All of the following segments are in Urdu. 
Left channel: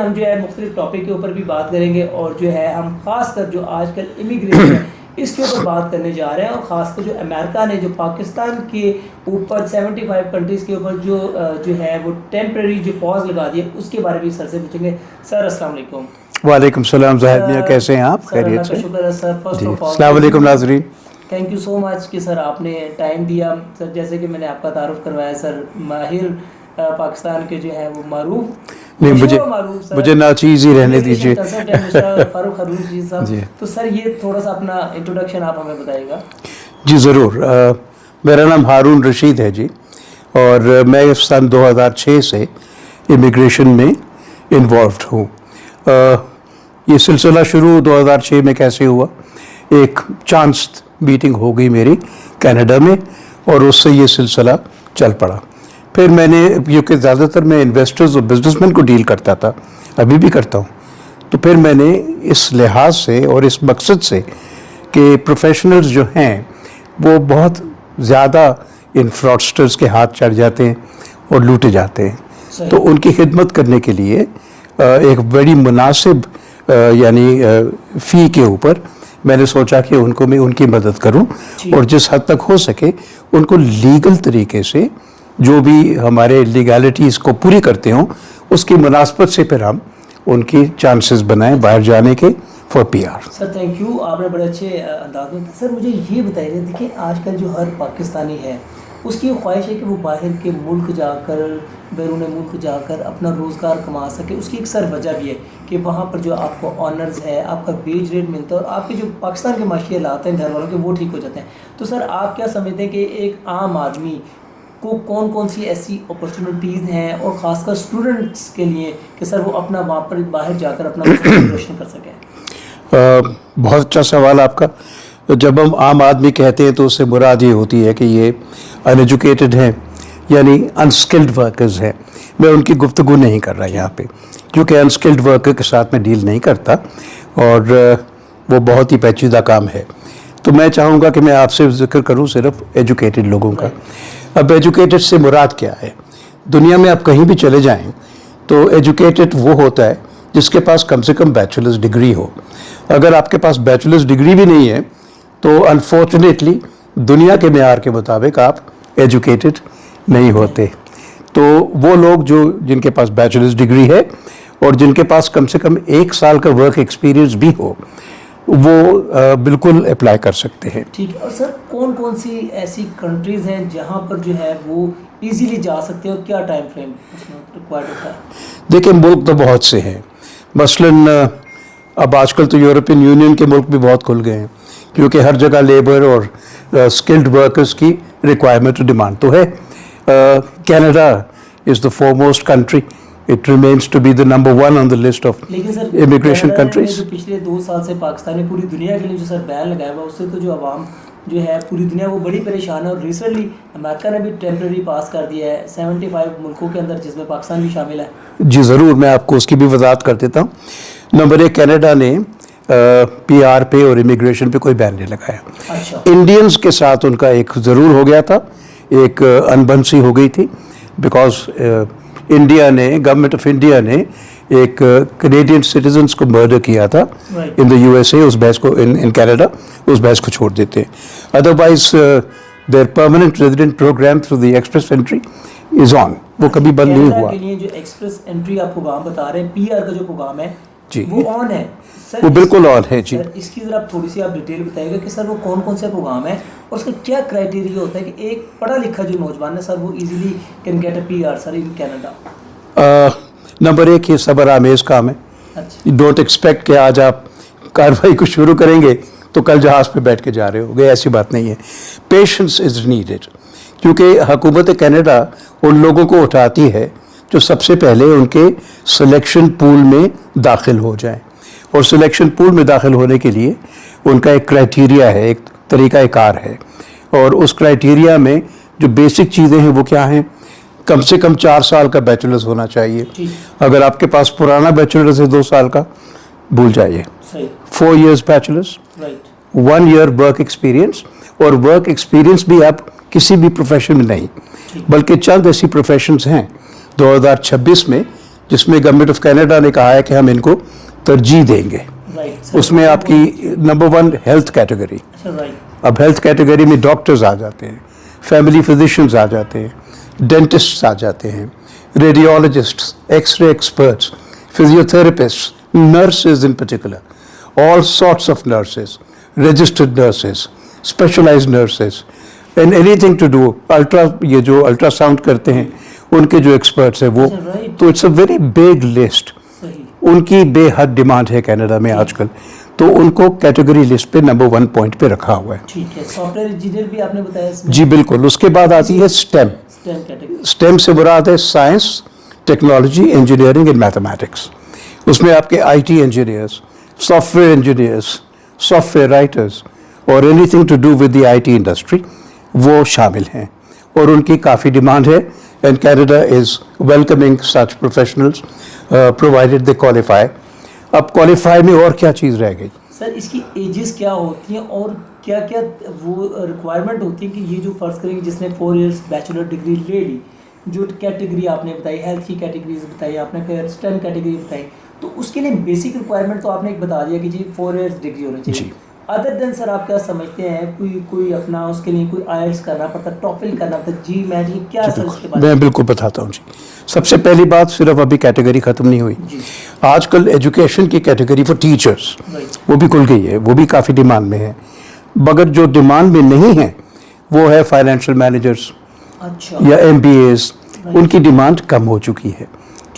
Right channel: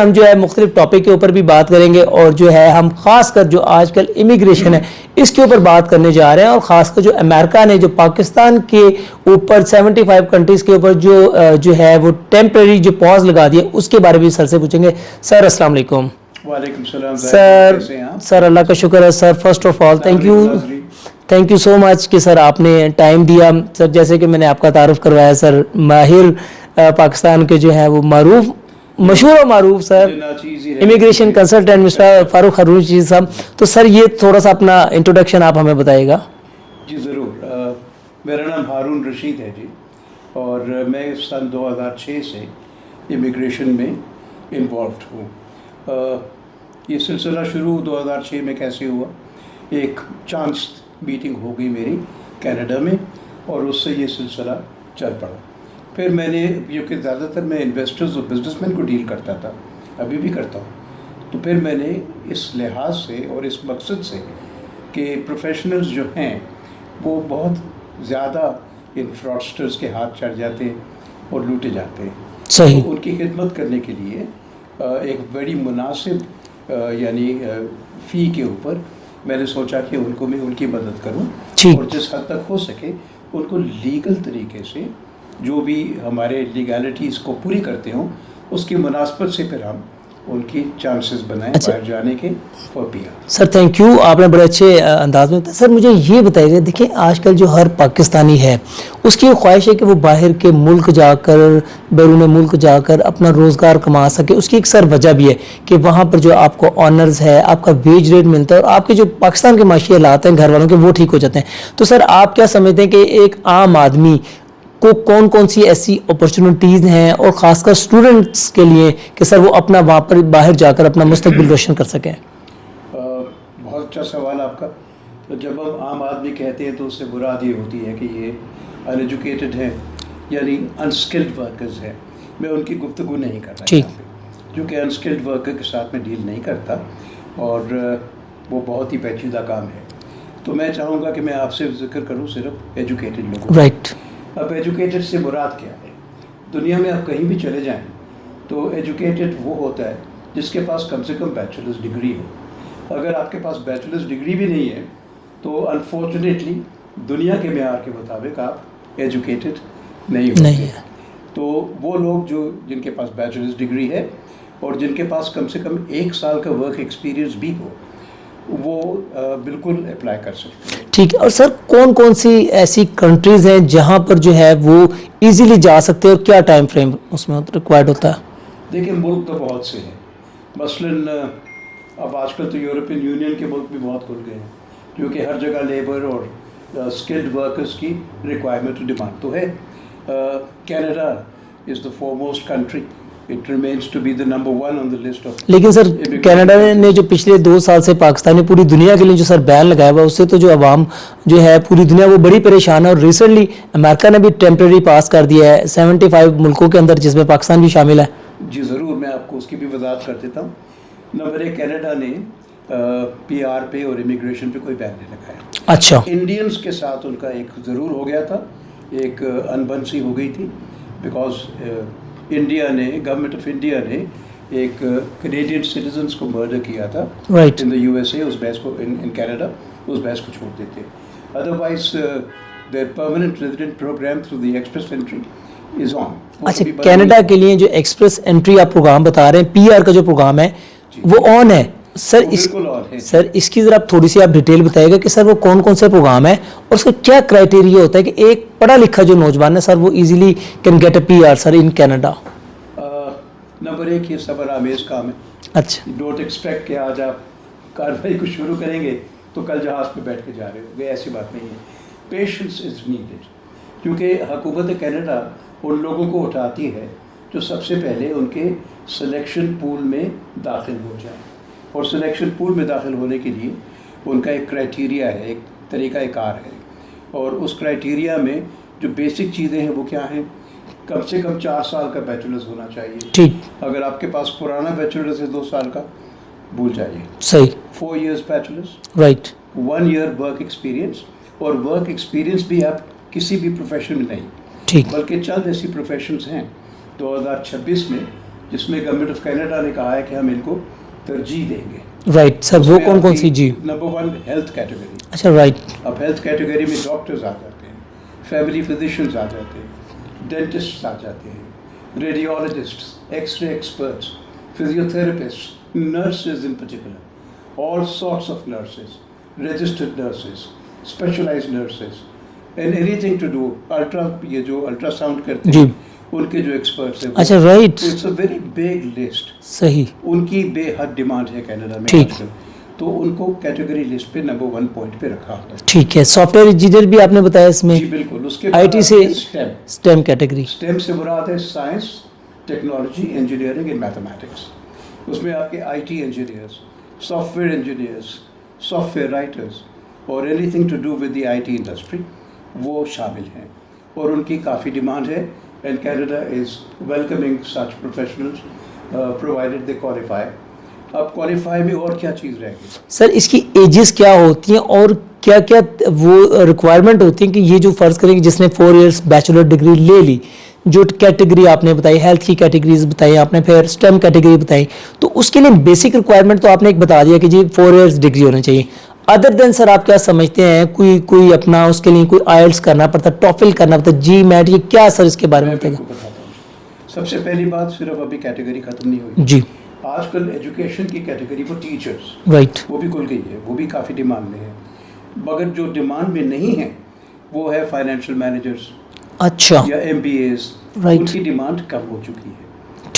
ہم جو ہے مختلف ٹاپک کے اوپر بھی بات کریں گے, اور جو ہے ہم خاص کر جو آج کل امیگریشن ہے اس کے اوپر بات کرنے جا رہے ہیں, اور خاص کر جو امریکہ نے جو پاکستان کے اوپر 75 کنٹریز کے اوپر جو ہے وہ ٹیمپریری جو پاز لگا دی ہے اس کے بارے میں سر سے پوچھیں گے. سر السلام علیکم. وعلیکم السلام ظاہر, کیسے ہیں آپ؟ سر اللہ کا شکر ہے سر. فرسٹ آف آل السلام علیکم ناظرین, تھینک یو سو مچ کہ سر آپ نے ٹائم دیا. سر جیسے کہ میں نے آپ کا تعارف کروایا سر, ماہر پاکستان کے جو ہے وہ مشہور و معروف سر امیگریشن کنسلٹنٹ مسٹر فاروق ہارون جی صاحب. تو سر یہ تھوڑا سا اپنا انٹروڈکشن آپ ہمیں بتائیے گا. جی ضرور. میرا نام ہارون رشید ہے جی, اور میں سن 2006 سے امیگریشن میں انوالوڈ ہوں. یہ سلسلہ شروع 2006 میں کیسے ہوا؟ ایک چانس میٹنگ ہو گئی میری کینیڈا میں, اور اس سے یہ سلسلہ چل پڑا. پھر میں نے, کیونکہ زیادہ تر میں انویسٹرز اور بزنس مین کو ڈیل کرتا تھا, ابھی بھی کرتا ہوں, تو پھر میں نے اس لحاظ سے اور اس مقصد سے کہ پروفیشنلز جو ہیں وہ بہت زیادہ ان فراڈسٹرز کے ہاتھ چڑھ جاتے ہیں اور لوٹے جاتے ہیں, تو ان کی خدمت کرنے کے لیے ایک بڑی مناسب یعنی فی کے اوپر میں نے سوچا کہ ان کو میں ان کی مدد کروں, اور جس حد تک ہو سکے ان کو لیگل طریقے سے جو بھی ہمارے لیگالٹیز کو پوری کرتے ہوں اس کی مناسبت سے پھر ہم ان کی چانسز بنائیں باہر جانے کے for P R. Sir thank you, آپ نے بڑے اچھے انداز میں. سر مجھے یہ بتائیے, دیکھیں آج کل جو ہر پاکستانی ہے اس کی خواہش ہے کہ وہ باہر کے ملک جا کر, بیرون ملک جا کر اپنا روزگار کما سکے. اس کی ایک سر وجہ بھی ہے کہ وہاں پر جو آپ کو آنرز ہے, آپ کا ویج ریٹ ملتا ہے, اور آپ کے جو پاکستان کے معاشی حالات ہیں گھر والوں کے وہ ٹھیک ہو جاتے ہیں. تو سر آپ کیا سمجھتے ہیں کہ ایک عام آدمی کو کون کون سی ایسی اپرچونٹیز ہیں, اور خاص کر اسٹوڈنٹس کے لیے, کہ سر وہ اپنا وہاں پر باہر جا کر اپنا مستقبل روشن کر سکیں؟ بہت اچھا سوال آپ کا. جب ہم عام آدمی کہتے ہیں تو اس سے مراد یہ ہوتی ہے کہ یہ ان ایجوکیٹڈ ہیں, یعنی انسکلڈ ورکرز ہیں. میں ان کی گفتگو نہیں کر رہا یہاں پہ, کیونکہ انسکلڈ ورکر کے ساتھ میں ڈیل نہیں کرتا, اور وہ بہت ہی پیچیدہ کام ہے. تو میں چاہوں گا کہ میں آپ سے ذکر کروں صرف ایجوکیٹڈ لوگوں کا. اب ایجوکیٹڈ سے مراد کیا ہے؟ دنیا میں آپ کہیں بھی چلے جائیں تو ایجوکیٹڈ وہ ہوتا ہے جس کے پاس کم سے کم بیچلرز ڈگری ہو. اگر آپ کے پاس بیچلرز ڈگری بھی نہیں ہے تو انفارچونیٹلی دنیا کے معیار کے مطابق آپ ایجوکیٹڈ نہیں ہوتے. تو وہ لوگ جن کے پاس بیچلرز ڈگری ہے اور جن کے پاس کم سے کم 1 سال کا ورک ایکسپیرینس بھی ہو, وہ بالکل اپلائی کر سکتے ہیں. ٹھیک ہے. اور سر کون کون سی ایسی کنٹریز ہیں جہاں پر جو ہے وہ ایزیلی جا سکتے ہیں, اور کیا ٹائم فریم اس میں ریکوائرڈ ہوتا ہے؟ دیکھیں ملک تو بہت سے ہیں. مثلاً اب آج کل تو یورپین یونین کے ملک بھی بہت کھل گئے ہیں, کیونکہ ہر جگہ لیبر اور اسکلڈ ورکرز کی ریکوائرمنٹ ڈیمانڈ تو ہے. Canada is the فورموسٹ country, It remains to be the number 1 on the list of لیکن سر کینیڈا نے جو پچھلے 2 سال سے پاکستانی پوری دنیا کے لیے جو سر بین لگایا ہوا, اس سے تو جو عوام جو ہے پوری دنیا وہ بڑی پریشان ہے. اور ریسنٹلی امریکہ نے بھی ٹیمپریری پاس کر دیا ہے 75 ملکوں کے اندر, جس میں پاکستان بھی شامل ہے. جی ضرور, میں آپ کو اس کی بھی وضاحت کر دیتا ہوں. نمبر 1, کینیڈا نے پی آر پہ اور امیگریشن پہ کوئی بین نہیں لگایا. اچھا. انڈینز کے ساتھ ان کا ایک ضرور ہو گیا تھا, ایک انبن سی ہو گئی تھی, بیکاز انڈیا نے, گورنمنٹ آف انڈیا نے ایک کینیڈین سٹیزنس کو مرڈر کیا تھا ان دا یو ایس اے. اس بحث کو ان کینیڈا اس بحث کو چھوڑ دیتے ہیں. Otherwise their permanent resident program through the express entry is on. وہ کبھی بند نہیں ہوا. کینیڈا کے لیے جو ایکسپریس انٹری آپ پروگرام بتا رہے ہیں, پی آر کا جو پروگرام ہے وہ آن ہے سر؟ بالکل آن ہے. سر اس کی ذرا تھوڑی سی آپ ڈیٹیل بتائیے گا کہ سر وہ کون کون سے پروگرام ہے, اور اس کا کیا کرائٹیریا ہوتا ہے کہ ایک پڑھا لکھا جو نوجوان ہے سر وہ easily can get a P R sir in Canada? Number 1, یہ صبر آمیز کام ہے. اچھا. ڈونٹ ایکسپیکٹ کہ آج آپ کارروائی کو شروع کریں گے تو کل جہاز پہ بیٹھ کے جا رہے ہو گے, ایسی بات نہیں ہے. پیشنس از نیڈیڈ, کیونکہ حکومت کینیڈا ان لوگوں کو اٹھاتی ہے جو سب سے پہلے ان کے سلیکشن پول میں داخل ہو جائیں, اور سلیکشن پول میں داخل ہونے کے لیے ان کا ایک کرائٹیریا ہے, ایک طریقہ کار ہے. اور اس کرائٹیریا میں جو بیسک چیزیں ہیں وہ کیا ہیں؟ کم سے کم 4 سال کا بیچلرز ہونا چاہیے. اگر آپ کے پاس پرانا بیچلرز ہے 2 سال کا, بھول جائیے. صحیح. 4 years bachelors, right. 1 year work experience, اور ورک ایکسپیرینس بھی آپ کسی بھی پروفیشن میں نہیں, بلکہ چند ایسی پروفیشنز ہیں 2026 میں جس میں گورنمنٹ آف کینیڈا نے کہا ہے کہ ہم ان کو ترجیح دیں گے. رائٹ سر, اس وہ میں کون آپ کون سی؟ کی جی نمبر 1 ہیلتھ کیٹیگری. اچھا رائٹ. اب ہیلتھ کیٹیگری میں ڈاکٹرز آ جاتے ہیں, فیملی فزیشنز آ جاتے ہیں, ڈینٹسٹس آ جاتے ہیں, radiologists, X ray experts, physiotherapist, nurses in particular, all sorts of nurses, registered nurses, specialized nurses, and anything to do یہ جو الٹرا ساؤنڈ کرتے ہیں ان کے جو ایکسپرٹس ہیں وہ. اچھا رائٹ. تو it's a very big list. صحیح. ان کی بے حد ڈیمانڈ ہے کینیڈا میں آج کل, تو ان کو کیٹیگری لسٹ پہ نمبر 1 پوائنٹ پہ رکھا ہوا ہے. ٹھیک ہے. سافٹ ویئر انجینئر بھی آپ نے بتایا اس میں؟ جی بالکل. اس کے بعد آتی ہے اسٹیم کیٹیگری. اسٹیم سے مراد ہے science, technology, engineering and mathematics. اس میں آپ کے I T engineers, software engineers, software writers اور anything to do with the I T industry وہ شامل ہیں, اور ان کی کافی ڈیمانڈ ہے. And Canada is welcoming such professionals provided they qualify. اب کوالیفائی میں اور کیا چیز رہ گئی سر؟ اس کی ایجز کیا ہوتی ہیں اور کیا کیا وہ ریکوائرمنٹ ہوتی ہیں کہ یہ جو فرض کریں کہ جس نے 4 ایئرس بیچلر ڈگری لے لی, جو کیٹیگری آپ نے بتائی, ہیلتھ کی کیٹیگریز بتائی آپ نے, پھر اسٹیم کیٹیگری بتائی, تو اس کے لیے بیسک ریکوائرمنٹ تو آپ نے ایک بتا دیا کہ جی 4 ایئرس ڈگری ہونا چاہیے. ادر دین سر آپ کیا سمجھتے ہیں, کوئی اپنا اس کے لیے کوئی آئلٹس کرنا پڑتا, ٹوفل کرنا پڑتا, جی میٹ, یہ کیا سر اس کے بارے میں؟ میں بالکل بتاتا ہوں جی. سب سے پہلی بات, صرف ابھی کیٹیگری ختم نہیں ہوئی جی. آج کل ایجوکیشن کی کیٹیگری فار ٹیچرس رائٹ وہ بھی کھل گئی ہے, وہ بھی کافی ڈیمانڈ میں ہے. مگر جو ڈیمانڈ میں نہیں ہے وہ ہے فائنینشیل مینیجرس اچھا یا ایم بی ایز. ان کی ڈیمانڈ کم ہو چکی ہے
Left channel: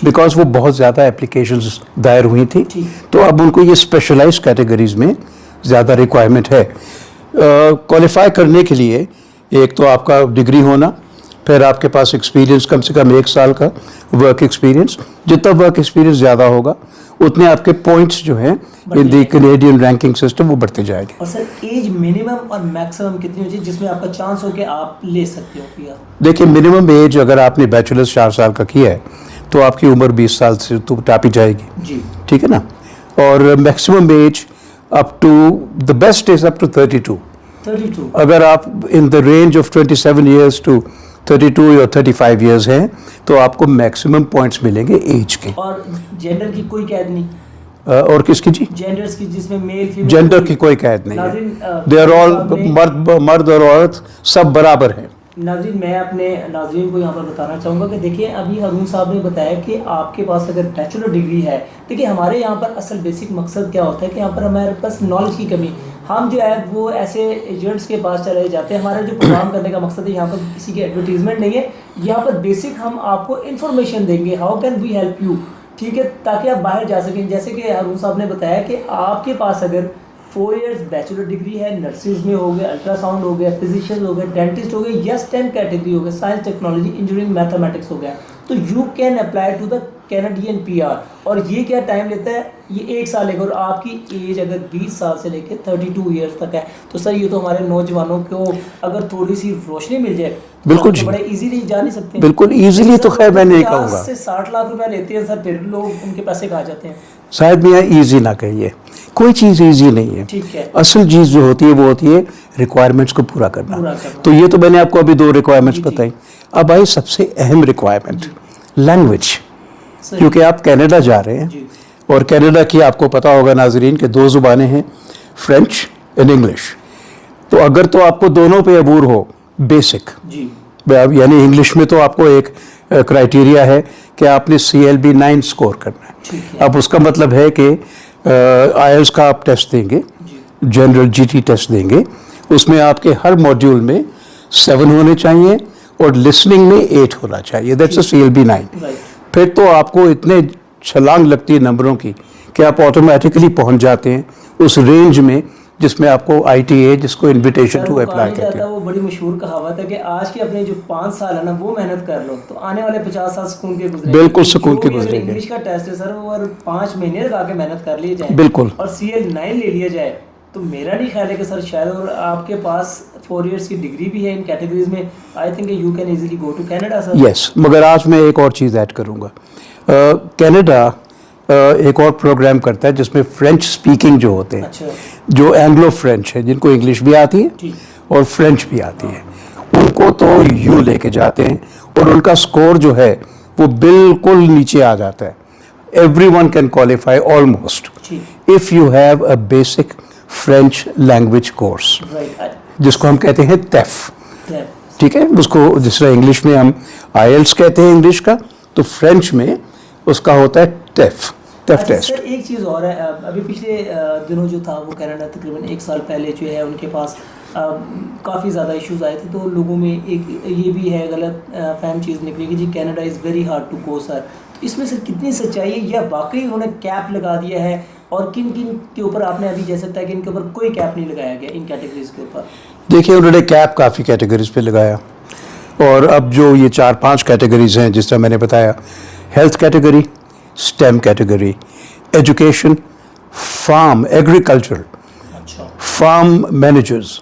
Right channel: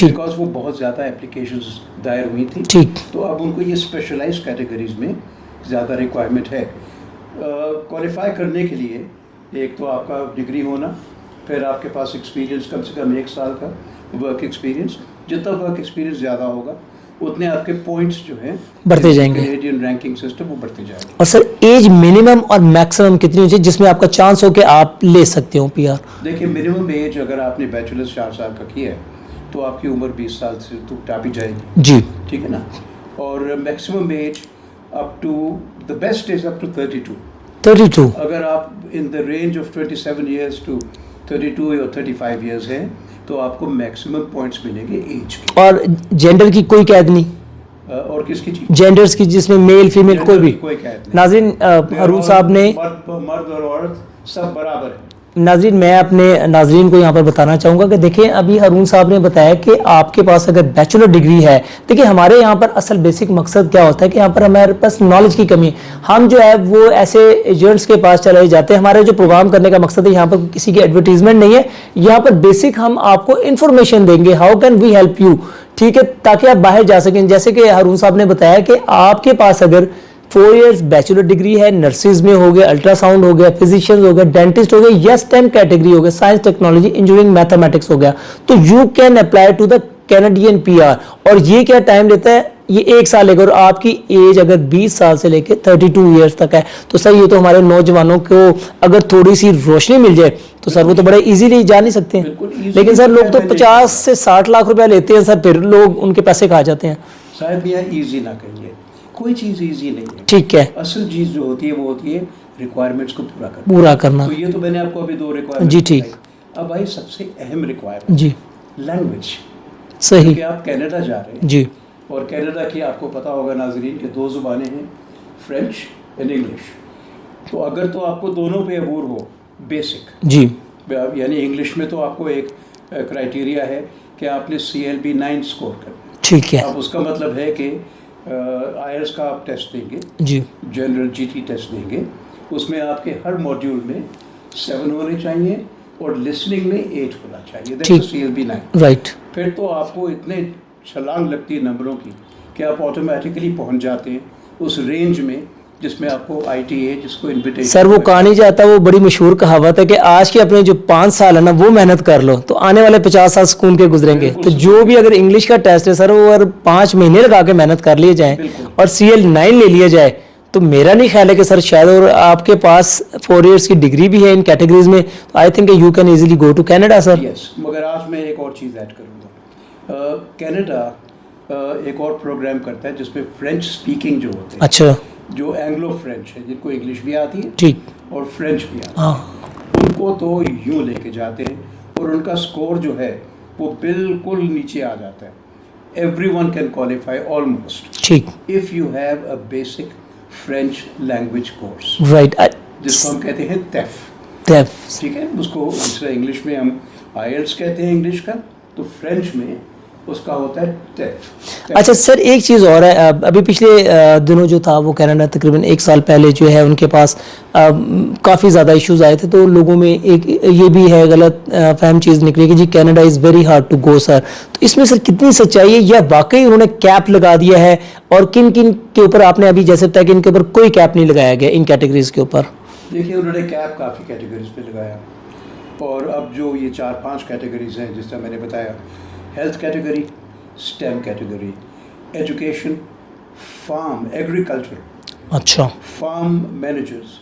بیکاز وہ بہت زیادہ اپلیکیشنز دائر ہوئی تھیں, تو اب ان کو یہ اسپیشلائز کیٹیگریز میں زیادہ ریکوائرمنٹ ہے. کوالیفائی کرنے کے لیے ایک تو آپ کا ڈگری ہونا, پھر آپ کے پاس ایکسپیرینس کم سے کم 1 سال کا ورک ایکسپیرینس. جتنا ورک ایکسپیرینس زیادہ ہوگا اتنے آپ کے پوائنٹس جو ہیں کینیڈین رینکنگ سسٹم وہ بڑھتے جائیں گے. اور سر ایج منیمم اور میکسیمم کتنی ہونی چاہیے جس میں آپ کا چانس ہو کہ آپ لے سکتے ہو پی آر؟ دیکھیے منیمم ایج اگر آپ نے بیچلرز 4 سال کا کیا ہے تو آپ کی عمر 20 سال سے تو ٹاپی جائے گی جی, ٹھیک ہے نا. اور maximum age up to the best is up to 32. اگر آپ in the range of 27 years to 32 یا 35 ایئرس ہیں تو آپ کو میکسیمم پوائنٹس ملیں گے ایج کے. اور جینڈر کی کوئی قید نہیں؟ اور کس کی جی؟ جینڈرز کی, جس میں میل فیمیل جینڈر کی کوئی قید نہیں. ناظرین صاحب نے مرد اور عورت سب برابر ہیں. ناظرین میں اپنے ناظرین کو یہاں پر بتانا چاہوں گا کہ دیکھیں ابھی ہارون صاحب نے بتایا کہ آپ کے پاس اگر بیچلر ڈگری ہے, دیکھیں ہمارے یہاں پر اصل بیسک مقصد کیا ہوتا ہے کہ یہاں پر ہمارے پاس نالج کی کمی ہے. ہم جو ہے وہ ایسے ایجنٹس کے پاس چلے جاتے ہیں. ہمارے جو پروگرام کرنے کا مقصد ہے یہاں پر کسی کی ایڈورٹیزمنٹ نہیں ہے, یہاں پر بیسک ہم آپ کو انفارمیشن دیں گے, how can we help you, ٹھیک ہے, تاکہ آپ باہر جا سکیں. جیسے کہ ہارون صاحب نے بتایا کہ آپ کے پاس اگر 4 ایئرس بیچلر ڈگری ہے, نرسز میں ہو گیا, الٹرا ساؤنڈ ہو گیا, فزیشین ہو گیا, ڈینٹسٹ ہو گیا, یا اسٹیم کیٹیگری ہو گیا, سائنس ٹیکنالوجی انجینئرنگ میتھمیٹکس ہو گیا, تو you can apply to the Canadian P R. اور یہ کیا ٹائم لیتا ہے؟ یہ 1 سال لے کر, آپ کی ایج اگر 20 سال سے لے کے 32 ایئرس تک ہے تو سر یہ تو ہمارے نوجوانوں کو اگر تھوڑی سی روشنی مل جائے تو سر وہ تو بڑے ایزیلی جا نہیں سکتے. بالکل ایزیلی. لیکن سر 50 سے 60 لاکھ روپیہ لیتے ہیں سر, پھر لوگ ان کے پیسے کھا جاتے ہیں. صاحب میاں ایزی نہ کہیے, کوئی چیز ایزی نہیں ہے. ٹھیک ہے. اصل چیز جو ہوتی ہے وہ ہوتی ہے ریکوائرمنٹس کو پورا کرنا. تو یہ تو میں نے آپ کو ابھی 2 ریکوائرمنٹس بتائی. اب آئی سب سے اہم ریکوائرمنٹ, لینگویج. کیونکہ آپ کینیڈا جا رہے ہیں جی, اور کینیڈا کی آپ کو پتا ہوگا ناظرین کہ 2 زبانیں ہیں, فرینچ اینڈ انگلش. تو اگر تو آپ کو دونوں پہ عبور ہو بیسک جی, یعنی انگلش میں تو آپ کو ایک کرائٹیریا ہے کہ آپ نے CLB 9 سکور کرنا ہے. ٹھیک ہے. اب اس کا مطلب ہے کہ آئلس کا آپ ٹیسٹ دیں گے جی, جنرل GT ٹیسٹ دیں گے, اس میں آپ کے ہر موڈیول میں 7 ہونے چاہیے اور لسننگ میں 8 ہونا چاہیے. That's CLB 9. رائٹ. پھر تو آپ کو اتنے چھلانگ لگتی ہے نمبروں کی کہ آپ آٹومیٹکلی پہنچ جاتے ہیں اس رینج میں جس میں آپ کو ITA جس کو انویٹیشن. سر وہ کہا نہیں جاتا, وہ بڑی مشہور کہاوت ہے کہ آج کے اپنے جو 5 سال ہے نا وہ محنت کر لو تو آنے والے 50 سال سکون کے گزریں گے. جو بھی اگر انگلش کا ٹیسٹ ہے سر وہ اگر 5 مہینے لگا کے محنت کر لیے جائیں اور CL 9 لے لیا جائے تو میرا نہیں خیال ہے کہ سر شاید, اور آپ کے پاس 4 ایئرس کی ڈگری بھی ہے ان کیٹیگریز میں, I think you can easily go to Canada sir. Yes, مگر آج میں ایک اور چیز ایڈ کروں گا. کینیڈا ایک اور پروگرام کرتا ہے جس میں فرینچ سپیکنگ جو ہوتے ہیں, اچھا, جو اینگلو فرینچ ہے, جن کو انگلش بھی آتی ہے اور فرینچ بھی آتی ہے, ان کو تو یوں لے کے جاتے ہیں اور ان کا سکور جو ہے وہ بالکل نیچے آ جاتا ہے. everyone can qualify almost ٹھیک if you have a basic French language course, right جس کو ہم کہتے ہیں TEF. ٹھیک ہے, اس کو جس طرح انگلش میں ہم IELTS کہتے ہیں انگلش کا, تو فرینچ میں اس کا ہوتا ہے TEF. اچھا سر ایک چیز اور ہے, ابھی پچھلے دنوں جو تھا وہ کینیڈا تقریباً 1 سال پہلے جو ہے ان کے پاس کافی زیادہ ایشوز آئے تھے, تو لوگوں میں ایک یہ بھی ہے غلط فہم چیز نکلی کہ جی Canada is very hard to go sir, تو اس میں سر کتنی سچائی ہے, یا واقعی انہوں نے کیپ لگا دیا ہے, اور کن کن کے اوپر آپ نے ابھی جیسے بتایا کہ ان کے اوپر کوئی کیپ نہیں لگایا گیا ان کیٹیگریز کے اوپر؟ دیکھیے انہوں نے کیپ کافی کیٹیگریز پہ لگایا, اور اب جو یہ 4-5 کیٹیگریز ہیں جس طرح میں نے بتایا, health category, STEM category, education, form agriculture, اچھا فارم مینیجرز,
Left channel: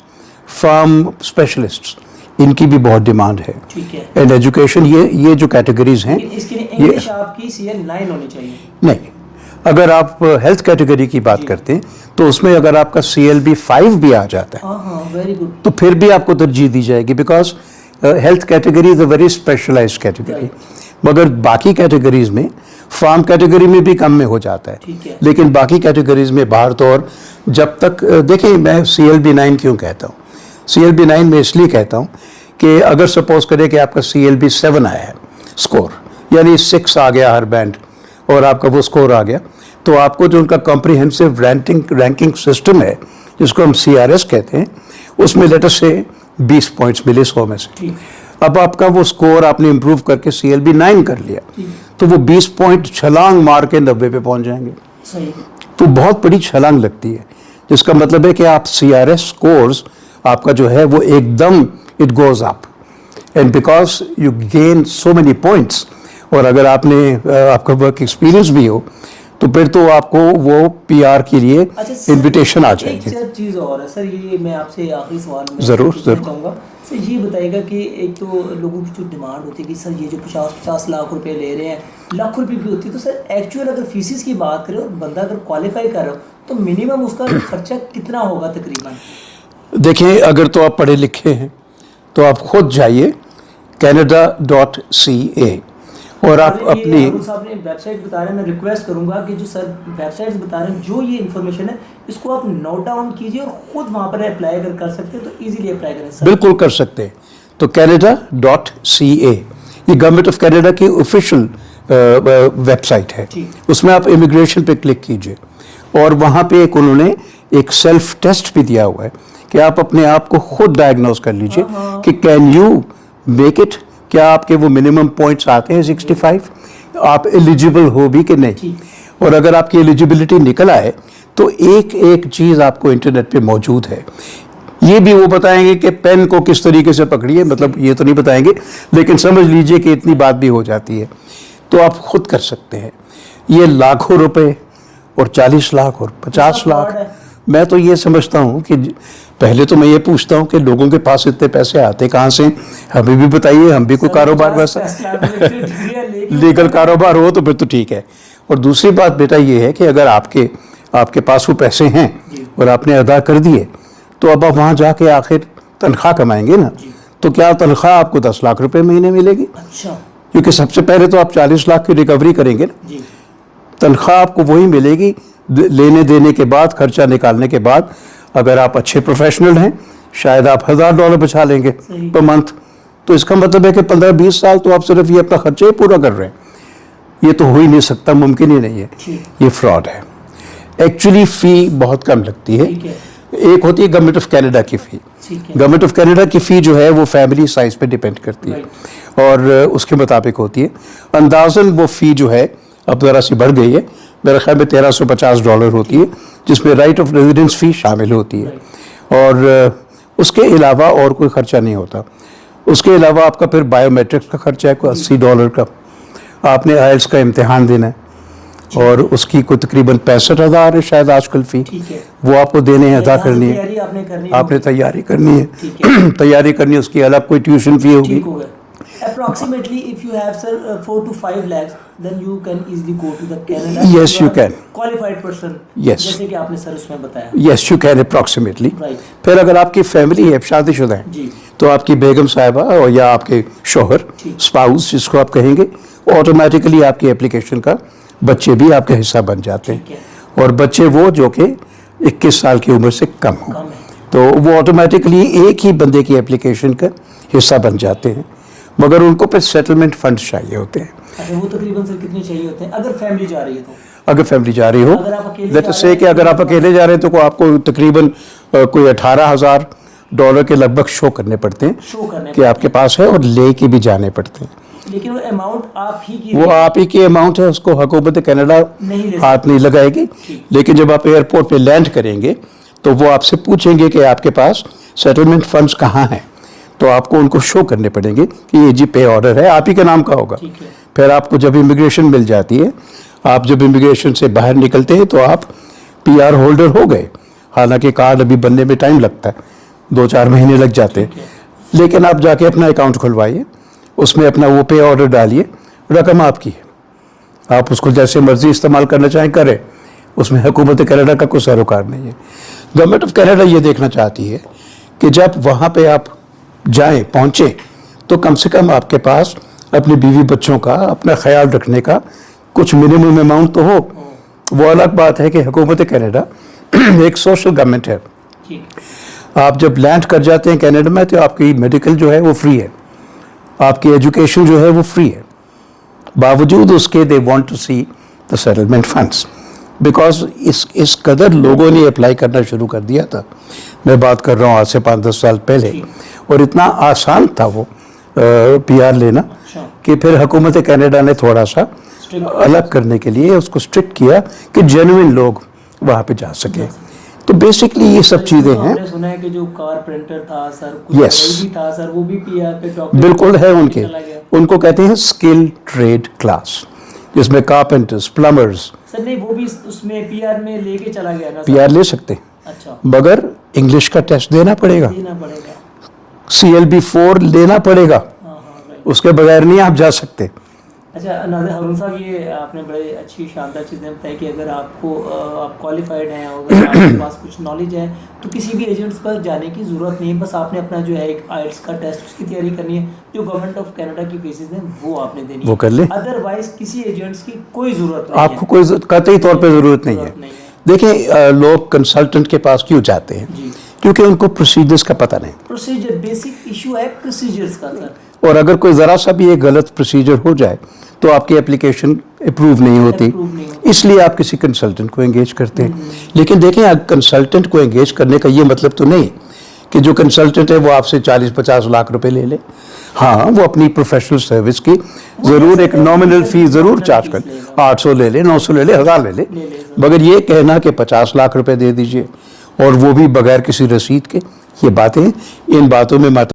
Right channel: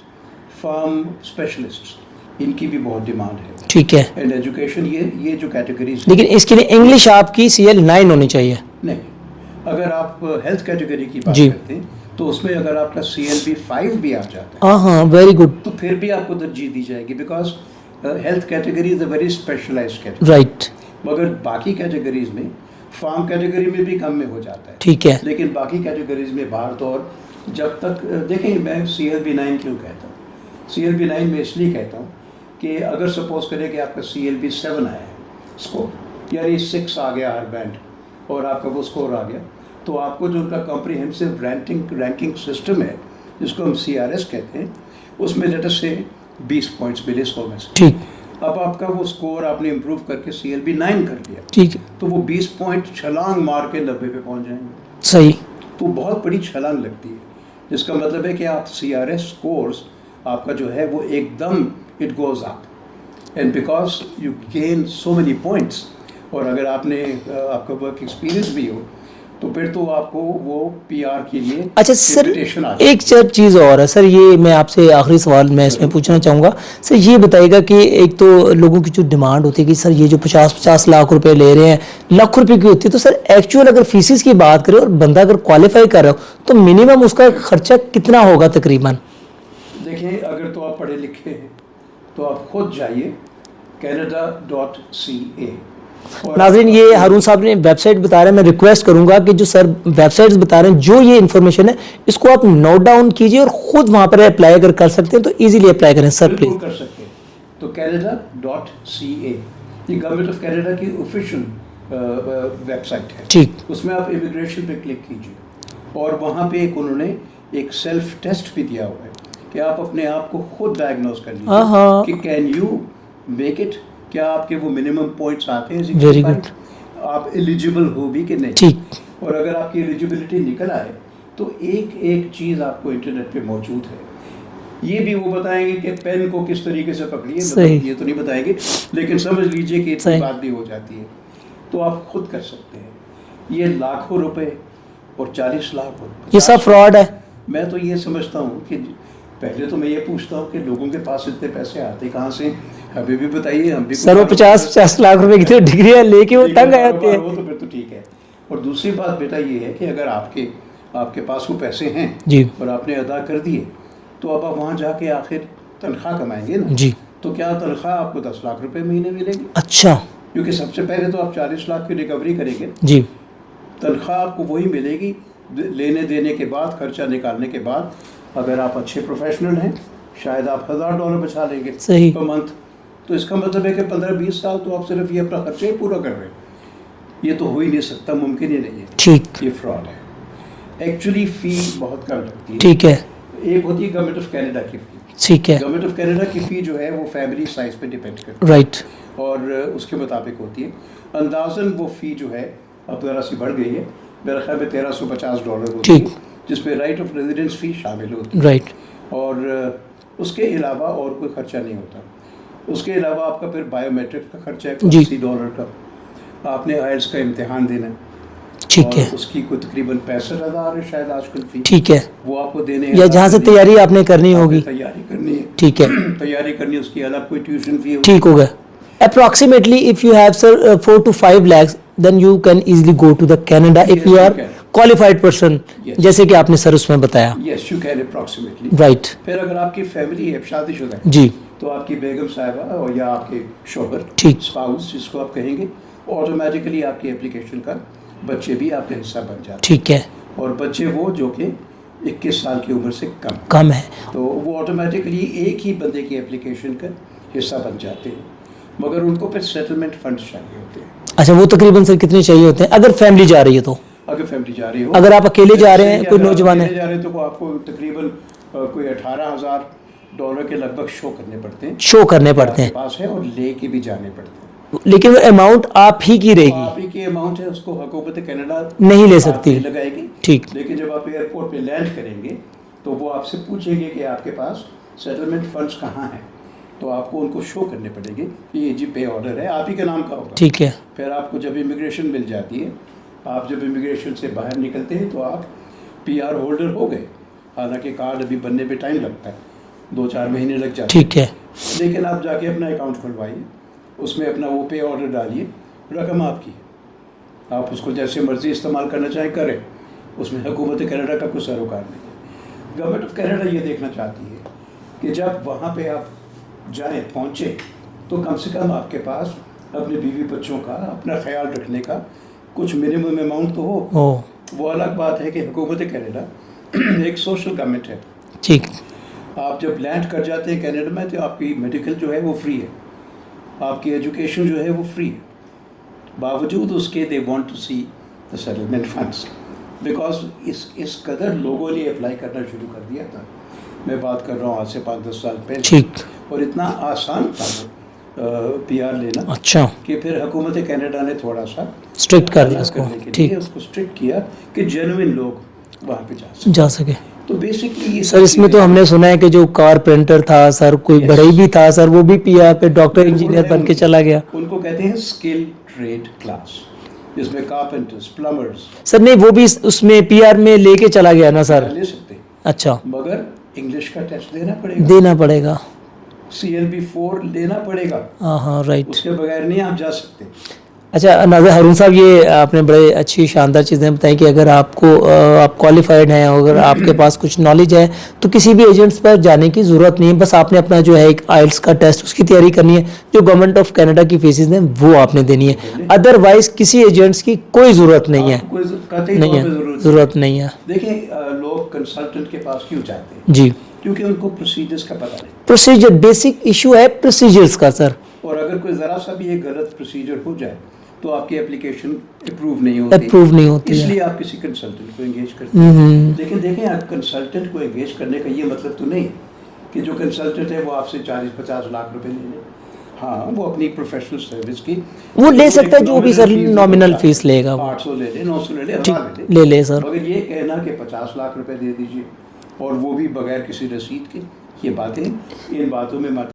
فارم اسپیشلسٹ, ان کی بھی بہت ڈیمانڈ ہے. ٹھیک ہے, اینڈ ایجوکیشن, یہ جو کیٹیگریز ہیں, لیکن اس کے لیے انگلش آپ کی CL9 ہونی چاہیے. نہیں, اگر آپ ہیلتھ کیٹیگری کی بات کرتے ہیں تو اس میں اگر آپ کا CLB5 بھی آ جاتا ہے, ہاں ویری گڈ, تو پھر بھی آپ کو ترجیح دی جائے گی, because health category is a very specialised category. Right, مگر باقی کیٹیگریز میں, فارم کیٹیگری میں بھی کم میں ہو جاتا ہے. ٹھیک ہے, لیکن باقی کیٹیگریز میں باہر تو, اور جب تک دیکھیں میں CLB9 کیوں کہتا ہوں, CLB9 میں اس لیے کہتا ہوں کہ اگر سپوز کرے کہ آپ کا CLB7 آیا ہے اسکور, یعنی 6 آ گیا ہر بینڈ, اور آپ کا وہ اسکور آ گیا, تو آپ کو جو ان کا کمپریہنسو رینکنگ سسٹم ہے جس کو ہم CRS کہتے ہیں, اس میں لیٹر سے 20 پوائنٹس ملے 100 میں سے. ٹھیک, اب آپ کا وہ اسکور آپ نے امپروو کر کے CLB9 کر لیا, ٹھیک ہے, تو وہ 20 پوائنٹ چھلانگ مار کے 90 پہ پہنچ جائیں گے. صحیح, تو بہت بڑی چھلانگ لگتی ہے, جس کا مطلب ہے کہ آپ CRS اسکورز آپ کا جو ہے وہ ایک them it goes up, and because you gain so many points, اور اگر آپ نے آپ کا ورک ایکسپیرینس بھی ہو تو پھر تو آپ کو وہ PR کے لیے انویٹیشن آ جائے. ایک چیز اور ہے سر, یہ میں آپ سے آخری سوال میں اس میں پوچھنا چاہوں گا سر, یہ بتائیے گا کہ ایک تو لوگوں کی جو ڈیمانڈ ہوتی ہے کہ سر یہ جو 50 لاکھ روپے لے رہے ہیں, لاکھ روپے کی ہوتی ہے, تو سر ایکچوئل اگر فیسز کی بات کریں اور بندہ اگر کوالیفائی کر رہا ہو تو منیمم اس کا خرچہ کتنا ہوگا تقریباً؟ دیکھیں اگر تو آپ پڑھے لکھے ہیں تو آپ خود جائیے Canada.ca, اور یہ ہارون صاحب نے ویب سائٹ بتا رہے ہیں, میں ریکویسٹ کروں گا کہ جو سر ویب سائٹس بتا رہے ہیں, جو یہ انفارمیشن ہے اس کو آپ نوٹ ڈاؤن کیجئے, اور خود وہاں پر اپلائی اگر کر سکتے ہیں تو ایزیلی اپلائی کریں سر. بالکل کر سکتے ہیں. تو Canada.ca یہ گورنمنٹ آف کینیڈا کی آفیشیل ویب سائٹ ہے. ٹھیک, اس میں آپ امیگریشن پہ کلک کیجئے, اور وہاں پہ انہوں نے ایک سیلف ٹیسٹ بھی دیا ہوا ہے کہ آپ اپنے آپ کو خود ڈائگنوز کر لیجئے کہ کین یو میک اٹ, کیا آپ کے وہ منیمم پوائنٹس آتے ہیں 65, آپ ایلیجیبل ہو بھی کہ نہیں. ٹھیک, اور اگر آپ کی ایلیجیبلٹی نکل آئے تو ایک چیز آپ کو انٹرنیٹ پہ موجود ہے. یہ بھی وہ بتائیں گے کہ پین کو کس طریقے سے پکڑیے, مطلب یہ تو نہیں بتائیں گے, لیکن سمجھ لیجئے کہ اتنی بات بھی ہو جاتی ہے, تو آپ خود کر سکتے ہیں. یہ لاکھوں روپے اور 40 لاکھ اور 50 لاکھ, میں تو یہ سمجھتا ہوں کہ پہلے تو میں یہ پوچھتا ہوں کہ لوگوں کے پاس اتنے پیسے آتے کہاں سے, ہمیں بھی بتائیے, ہم بھی کوئی کاروبار 50 لاکھ روپے کی ڈگریاں لے کے کاروبار ہو تو پھر تو ٹھیک ہے. اور دوسری بات بیٹا یہ ہے کہ اگر آپ کے پاس وہ پیسے ہیں اور آپ نے ادا کر دیے, تو اب آپ وہاں جا کے آخر تنخواہ کمائیں گے نا, تو کیا تنخواہ آپ کو 10 لاکھ روپے مہینے ملے گی؟ اچھا, کیونکہ سب سے پہلے تو آپ 40 لاکھ کی ریکوری کریں گے نا. جی, تنخواہ آپ کو وہی ملے گی لینے دینے کے بعد, خرچہ نکالنے کے بعد. اگر آپ اچھے پروفیشنل ہیں شاید آپ $1000 بچا لیں گے پر منتھ, تو اس کا مطلب ہے کہ 15-20 سال تو آپ صرف یہ اپنا خرچہ ہی پورا کر رہے ہیں. یہ تو ہو ہی نہیں سکتا, ممکن ہی نہیں ہے. ٹھیک, یہ فراڈ ہے. ایکچولی فی بہت کم لگتی ہے. ٹھیک ہے, ایک ہوتی ہے گورنمنٹ آف کینیڈا کی فی. ٹھیک ہے, گورنمنٹ آف کینیڈا کی فی جو ہے وہ فیملی سائز پہ ڈیپینڈ کرتی ہے, رائٹ, اور اس کے مطابق ہوتی ہے. اندازاً وہ فی جو ہے اب ذرا سی بڑھ گئی ہے, میرے خیال میں $1350 ہوتی ہے, جس میں رائٹ آف ریزیڈنس فی شامل ہوتی ہے. رائٹ, اور اس کے علاوہ اور کوئی خرچہ نہیں ہوتا. اس کے علاوہ آپ کا پھر بایو میٹرکس کا خرچہ ہے کوئی $80 کا. آپ نے IELTS کا امتحان دینا ہے, اور اس کی کوئی تقریباً 65,000 ہے شاید آج کل فی. ٹھیک ہے, وہ آپ کو دینے ہیں, جہاں سے تیاری آپ نے کرنی ہوگی, آپ نے تیاری کرنی ہے. ٹھیک ہے, تیاری کرنی ہے, اس کی الگ کوئی ٹیوشن فی ہوگی. ٹھیک ہوگا. Approximately if you have sir 4 to 5 lakhs then you can easily go to the Canada if you are qualified person. جیسے کہ آپ نے سر اس میں بتایا. Yes you can approximately. Right. پھر اگر آپ کی فیملی ہے, شادی شدہ ہے, جی, تو آپ کی بیگم صاحبہ اور یا آپ کے شوہر, اسپاؤس جس کو آپ کہیں گے, آٹومیٹیکلی آپ کی اپلیکیشن کا بچے بھی آپ کا حصہ بن جاتے ہیں. ٹھیک ہے. اور بچے وہ جو کہ 21 سال کی عمر سے کم ہوں, کم ہے. تو وہ آٹومیٹکلی ایک ہی بندے کی اپلیکیشن کا حصہ بن جاتے ہیں, مگر ان کو پھر سیٹلمنٹ فنڈ چاہیے ہوتے ہیں. اچھا, وہ تقریباً سر کتنے چاہیے ہوتے ہیں اگر فیملی جا رہی ہے تو؟ اگر فیملی جا رہی ہو, اگر آپ اکیلے جا رہے ہیں, کہ اگر آپ اکیلے جا رہے ہیں تو آپ کو تقریباً کوئی $18,000 کے لگ بھگ شو کرنے پڑتے ہیں, شو کرنے کہ آپ پڑتے کے ہیں, پاس ہے, اور لے کے بھی جانے پڑتے ہیں. لیکن وہ اماؤنٹ آپ ہی کی رہے وہ گی, آپ ہی کی اماؤنٹ ہے, اس کو حکومت کینیڈا نہیں لے ہاتھ سکتی. نہیں لگائے گی. ٹھیک. لیکن جب آپ ایئرپورٹ پہ لینڈ کریں گے تو وہ آپ سے پوچھیں گے کہ آپ کے پاس سیٹلمنٹ فنڈز کہاں ہیں, تو آپ کو ان کو شو کرنے پڑیں گے کہ یہ جی پے آرڈر ہے, آپ ہی کے نام کا ہوگا. ٹھیک ہے. پھر آپ کو جب امیگریشن مل جاتی ہے, آپ جب امیگریشن سے باہر نکلتے ہیں تو آپ PR ہولڈر ہو گئے, حالانکہ کارڈ ابھی بننے میں ٹائم لگتا ہے, 2-4 مہینے لگ جاتے ہیں. ٹھیک ہے. لیکن آپ جا کے اپنا اکاؤنٹ کھلوائیے, اس میں اپنا وہ پے آرڈر ڈالیے, رقم آپ کی ہے, آپ اس کو جیسے مرضی استعمال کرنا چاہیں کریں, اس میں حکومت کینیڈا کا کوئی سروکار نہیں ہے. گورنمنٹ آف کینیڈا یہ دیکھنا چاہتی ہے کہ جب وہاں پہ آپ جائیں, پہنچیں, تو کم سے کم آپ کے پاس اپنے بیوی بچوں کا اپنا خیال رکھنے کا کچھ منیمم اماؤنٹ تو ہو. وہ الگ بات ہے کہ حکومت کینیڈا ایک سوشل گورنمنٹ ہے. ٹھیک. آپ جب لینڈ کر جاتے ہیں کینیڈا میں تو آپ کی میڈیکل جو ہے وہ فری ہے, آپ کی ایجوکیشن جو ہے وہ فری ہے, باوجود اس کے they want to see the settlement funds, because اس قدر لوگوں نے اپلائی کرنا شروع کر دیا تھا. میں بات کر رہا ہوں آج سے 5-10 سال پہلے, اور اتنا آسان تھا وہ PR لینا. اچھا. کہ پھر حکومت کینیڈا نے تھوڑا سا اسٹرکٹ الگ کرنے کے لیے اس کو اسٹرکٹ کیا کہ جینوئن لوگ وہاں پہ جا سکے. تو بیسکلی یہ سب اس میں تو ہم نے سنا ہے کہ جو کارپینٹر تھا سر, کوئی بڑھئی بھی تھا سر, وہ بھی PR پہ ڈاکٹر بالکل ہے ان کے چلا گیا. ان کو کہتے ہیں اسکل ٹریڈ کلاس, جس میں کارپینٹرز, پلمبرز. سر نہیں, وہ بھی اس میں PR میں لے کے چلا گیا نا سر؟ PR لے سکتے, اچھا, مگر انگلش کا ٹیسٹ دینا پڑے گا, CLB4 لینا پڑے گا. ہاں رائٹ. اس کے بغیر نہیں آپ جا سکتے. اچھا ناظر ہارون صاحب, یہ آپ نے بڑے اچھی شاندار چیزیں بتائیں کہ اگر آپ کوالیفائڈ ہیں, اگر آپ کے پاس کچھ نالج ہے تو کسی بھی ایجنٹس پر جانے کی ضرورت نہیں ہے, بس آپ نے اپنا جو ہے ایک آئلٹس کا ٹیسٹ اس کی تیاری کرنی ہے, جو گورنمنٹ آف کینیڈا کی فیسز ہیں وہ آپ نے دینی ہے, ادروائز کسی ایجنٹس کی کوئی ضرورت نہیں ہے. آپ کو کوئی قطعی طور پہ ضرورت نہیں ہے. دیکھیں, لوگ کنسلٹنٹ کے پاس کیوں جاتے ہیں؟ جی, کیونکہ ان کو پروسیجرز کا پتہ نہیں. پروسیجر بیسک ایشو ہے پروسیجرز کا سر, اور اگر کوئی ذرا سا بھی ایک غلط پروسیجر ہو جائے تو آپ کی اپلیکیشن اپروو نہیں ہوتی, اس لیے آپ کسی کنسلٹنٹ کو انگیج کرتے ہیں. لیکن دیکھیں, کنسلٹنٹ کو انگیج کرنے کا یہ مطلب تو نہیں کہ جو کنسلٹنٹ ہے وہ آپ سے 40-50 لاکھ روپے لے لے. ہاں, وہ اپنی پروفیشنل سروس کی ضرور ایک نامنل فیس ضرور چارج لے گا, 800 لے لے, 900 لے لے, 1000 لے لے, مگر یہ کہنا کہ 50 لاکھ روپے دے دیجئے اور وہ بھی بغیر کسی رسید کے, یہ باتیں, ان باتوں میں